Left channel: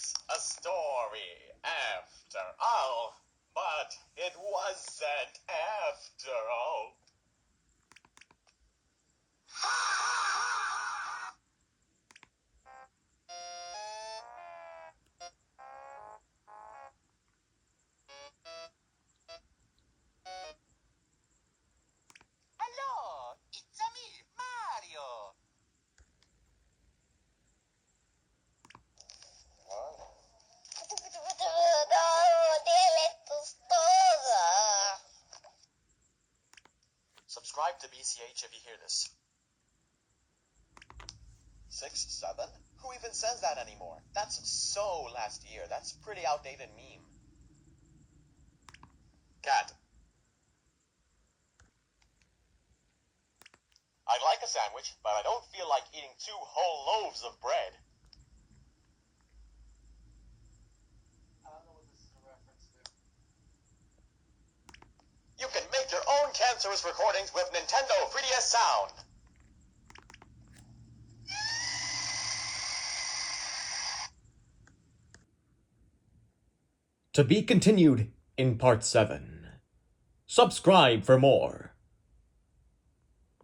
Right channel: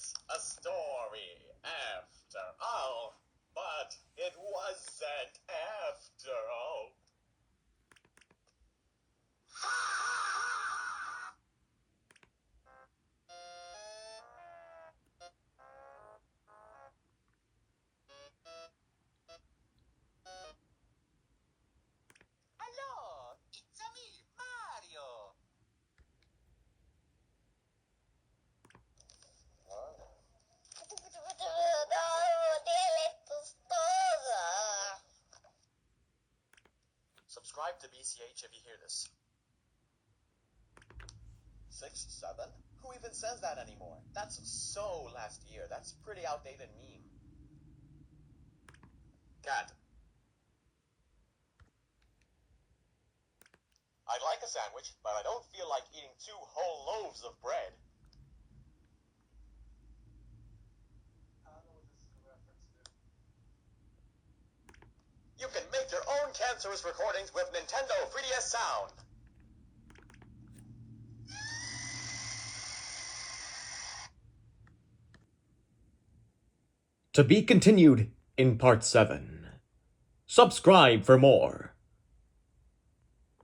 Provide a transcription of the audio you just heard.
it's a story after all. But it wasn't after all. Hello, it's me, Mario. Subscribe to BCH if you hear this. 6, 7? Who even says that anymore? That's so last year. That's pretty outdated meme. Cat. I'd like a sandwich, but I don't feel like eating 2 whole loaves of bread. I don't know what this is a reference to. You can make your own cancerous recordings with Nintendo 3DS Sound. To be continued in Part 7. Subscribe for more.